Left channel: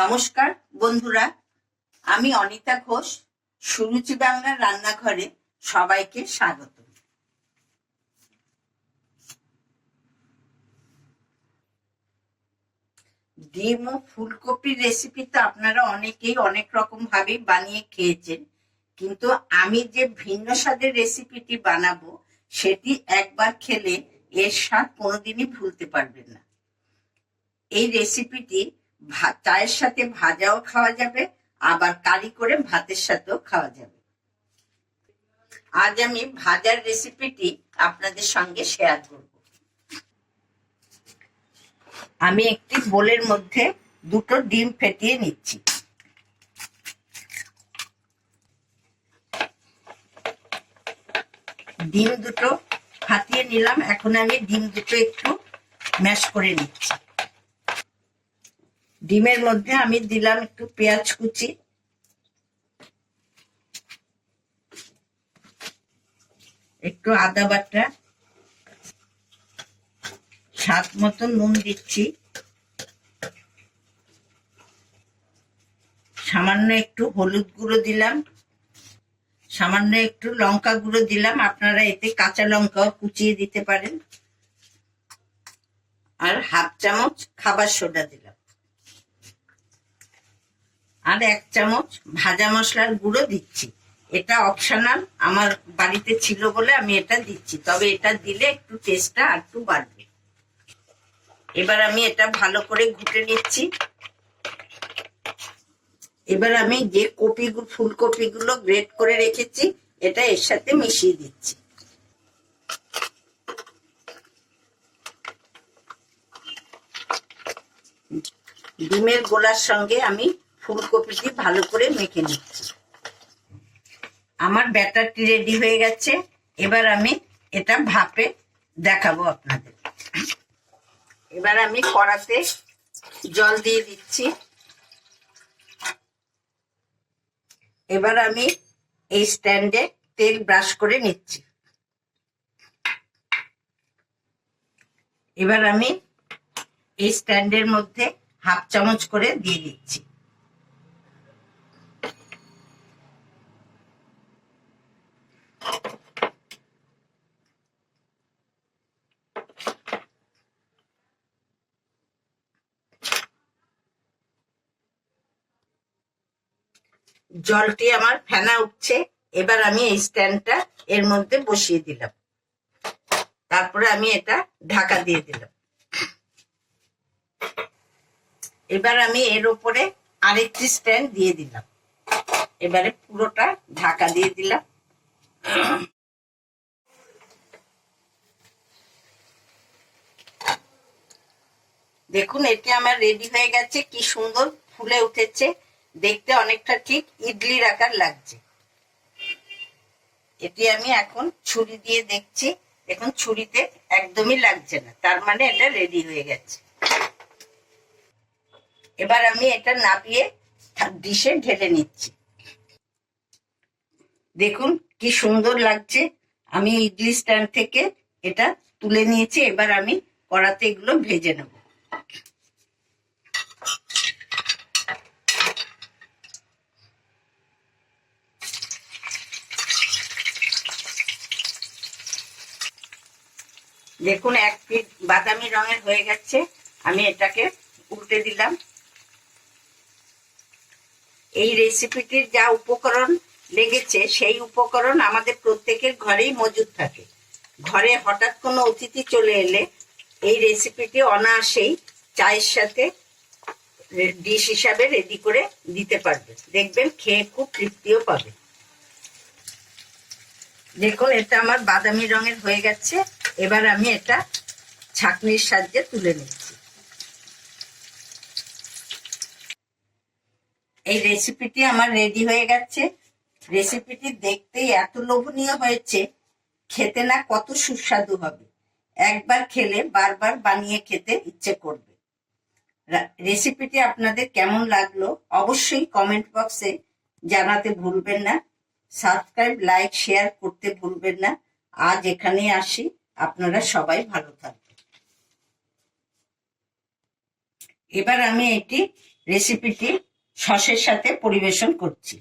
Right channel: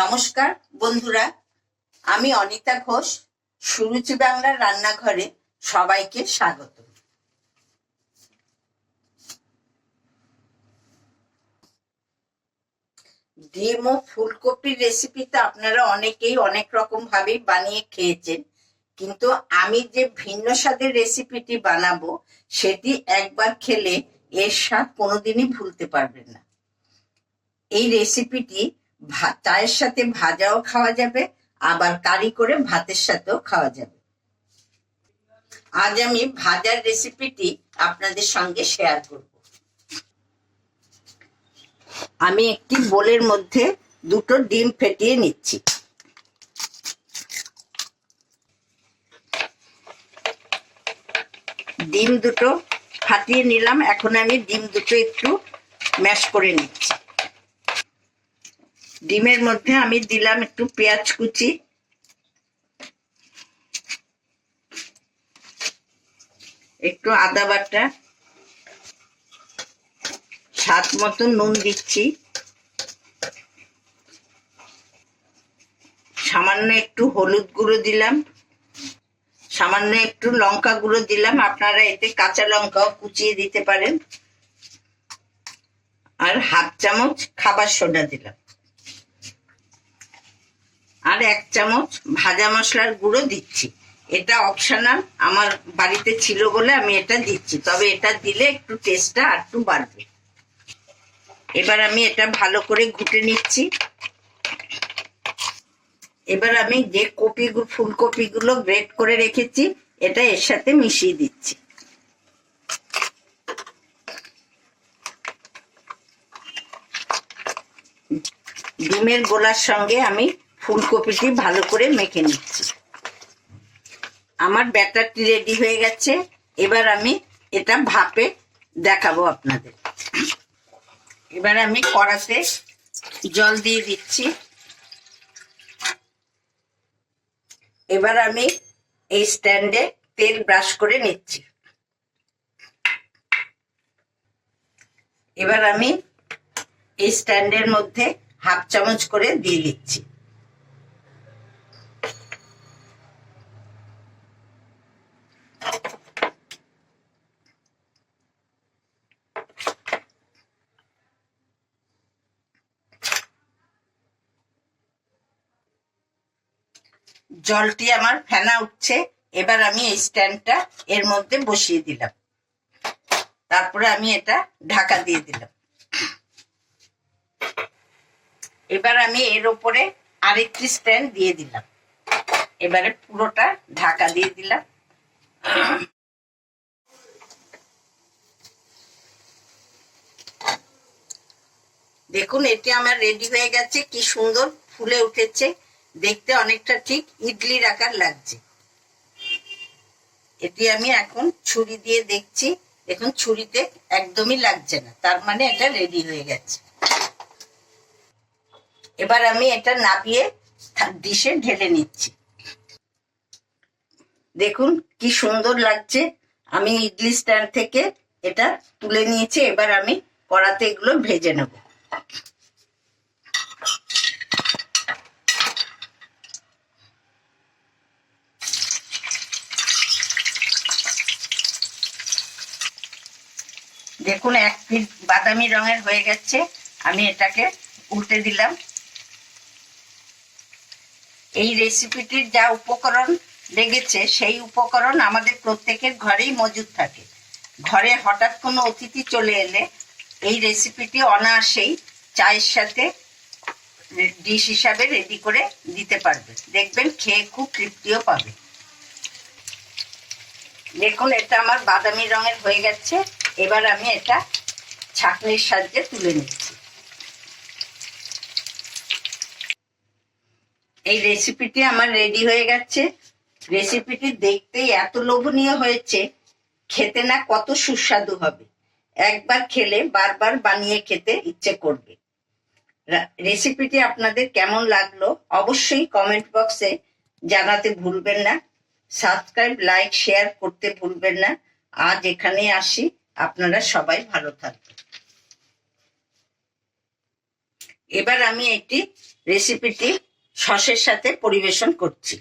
নমস্কার, বন্ধুরা। আমি অনিতা ঘোষ, সুরুচি বাংলার রান্নাঘরে সবাইকে স্বাগত। ডিম ও ফুলকপির রেসিপি তো আপনারা অনেকেই অনেক রকম ভাবে বানিয়ে খেয়েছেন, কিন্তু আমি যে ভিন্ন স্বাদের রেসিপিটি বানাবো, সেটি একবার খেলে এর স্বাদ কোনোদিনই ভুলতে পারবেন না। এই রেসিপিটি চায়ের সাথে ভাজাও খাওয়া যাবে, আবার কারি করে ভাতের সাথেও খাওয়া যাবে। আজ আমি ভাজার রেসিপিটি আপনাদের সঙ্গে শেয়ার করব। আমি একটি বোলের মধ্যে দুটো ডিম ফেটিয়ে নিচ্ছি। ডিম দুটো ফাটিয়ে নিলাম, এখন আমি ডিম দুটো একটু ম্যাশ করে নিচ্ছি। ডিমের মধ্যে আমি দিলাম একটু পেঁয়াজ কুচি। একটু আদা বাটা। স্বাদ মতো নুন দিচ্ছি। সামান্য একটু হলুদ গুঁড়ো দিলাম। সামান্য একটু লঙ্কা গুঁড়ো দিলাম। আপনারা এতে কাঁচা লঙ্কাও কুচিয়ে দিতে পারেন। আর হাফ চামচ খাবার সোডা দিলাম। আর এক চামচ ভাজা মশলার গুঁড়ো দিচ্ছি। এটা অপশনাল আমার বাড়িতে ছিল বলে আমি এটা দিচ্ছি। তবে এটা দিলে একটু টেস্টটা আর একটু বাড়বে। এবার আমি এটা ভালো করে ঘুটে নিচ্ছি। এবার আমি যে কপি ফুলকপিগুলো গ্রেট করে রেখেছি, এটা এর সাথে মিশিয়ে দিচ্ছি। ডিমের গোলার সঙ্গে আমি ফুলকপিটি ভালো করে মেখে নিচ্ছি। আমার ব্যাটারটি রেডি হয়ে গেছে। এবার আমি এটা ভাপে দেখাবো আপনাদের। এবার আমি কড়াতে জল দিয়ে দিচ্ছি। এবার আমি এই স্ট্যান্ডে তেল ব্রাশ করে নিচ্ছি। এবার আমি এই স্ট্যান্ডের মধ্যে হাফ চামচ করে দিয়ে দিচ্ছি। জলটি আমার ফেনা উঠছে, এবার আমি এই স্ট্যান্ডটা এর মধ্যে বসিয়ে দিলাম। তারপরে আমি এটা ঢাকা দিয়ে দিলাম। এবার আমি এর উপরে আরেকটি স্ট্যান্ড দিয়ে দিলাম। এবারে পুরোটা ঢাকা দিয়ে দিলাম। দেখুন, এটি আমার রেডি হয়ে গেছে। কি সুন্দর ফুলে উঠেছে। দেখতে অনেকটা ঠিক ইডলির আকার লাগছে। এটি আমি এখন ছুরি দিয়ে দেখছি দেখুন ছুরিতে একদমই লাগছে না, তার মানে এটা রেডি হয়ে গেছে। এবার আমি এটা নাপিয়ে ডিশে ঢেলে নিচ্ছি। দেখুন কি সুন্দর লাগছে, আমি ইডলি স্ট্যান্ড থেকে এটা তুলে নিয়েছি, এবার আমি কড়াতে এগুলো ভেজে নেব। দেখুন, এক পিস বাদামি রঙের হয়ে গেছে। আমি এটাকে উল্টে দিলাম। এই রেসিপিটির যা উপকরণ লেগেছে, সেই উপকরণ আমাদের প্রত্যেকের ঘরেই মজুদ থাকে। ঘরে হঠাৎ কোনো অতিথি চলে এলে এই রেসিপিটি অনায়াসেই চায়ের সাথে ডিশ হিসাবে রেডি করে দিতে পারবে। দেখবেন, খেয়ে খুব তৃপ্তিও পাবে। দেখুন, এটা আমার বাদামি রঙের হয়ে গেছে। এবার আমি এটা ছাঁকনির সাহায্যে তুলে নিচ্ছি। এই রেসিপিটি আমার রেডি হয়ে গেছে। রেসিপিটি দেখতেই এত লোভনীয় হয়েছে, খেতে না কত সুস্বাদু হবে। একবার খেলে বারবার বানিয়ে খেতে ইচ্ছে করবে। রেসিপিটি আপনাদের কেমন লাগল অবশ্যই কমেন্ট বক্সে জানাতে ভুলবেন না। সাবস্ক্রাইব লাইক শেয়ার করতে ভুলবেন না। আজ এখানে আসি। আপনারা সবাই ভালো থাকবেন। এবার আমি একটি রেসিপিটি সসের সাথে পরিবেশন করছি।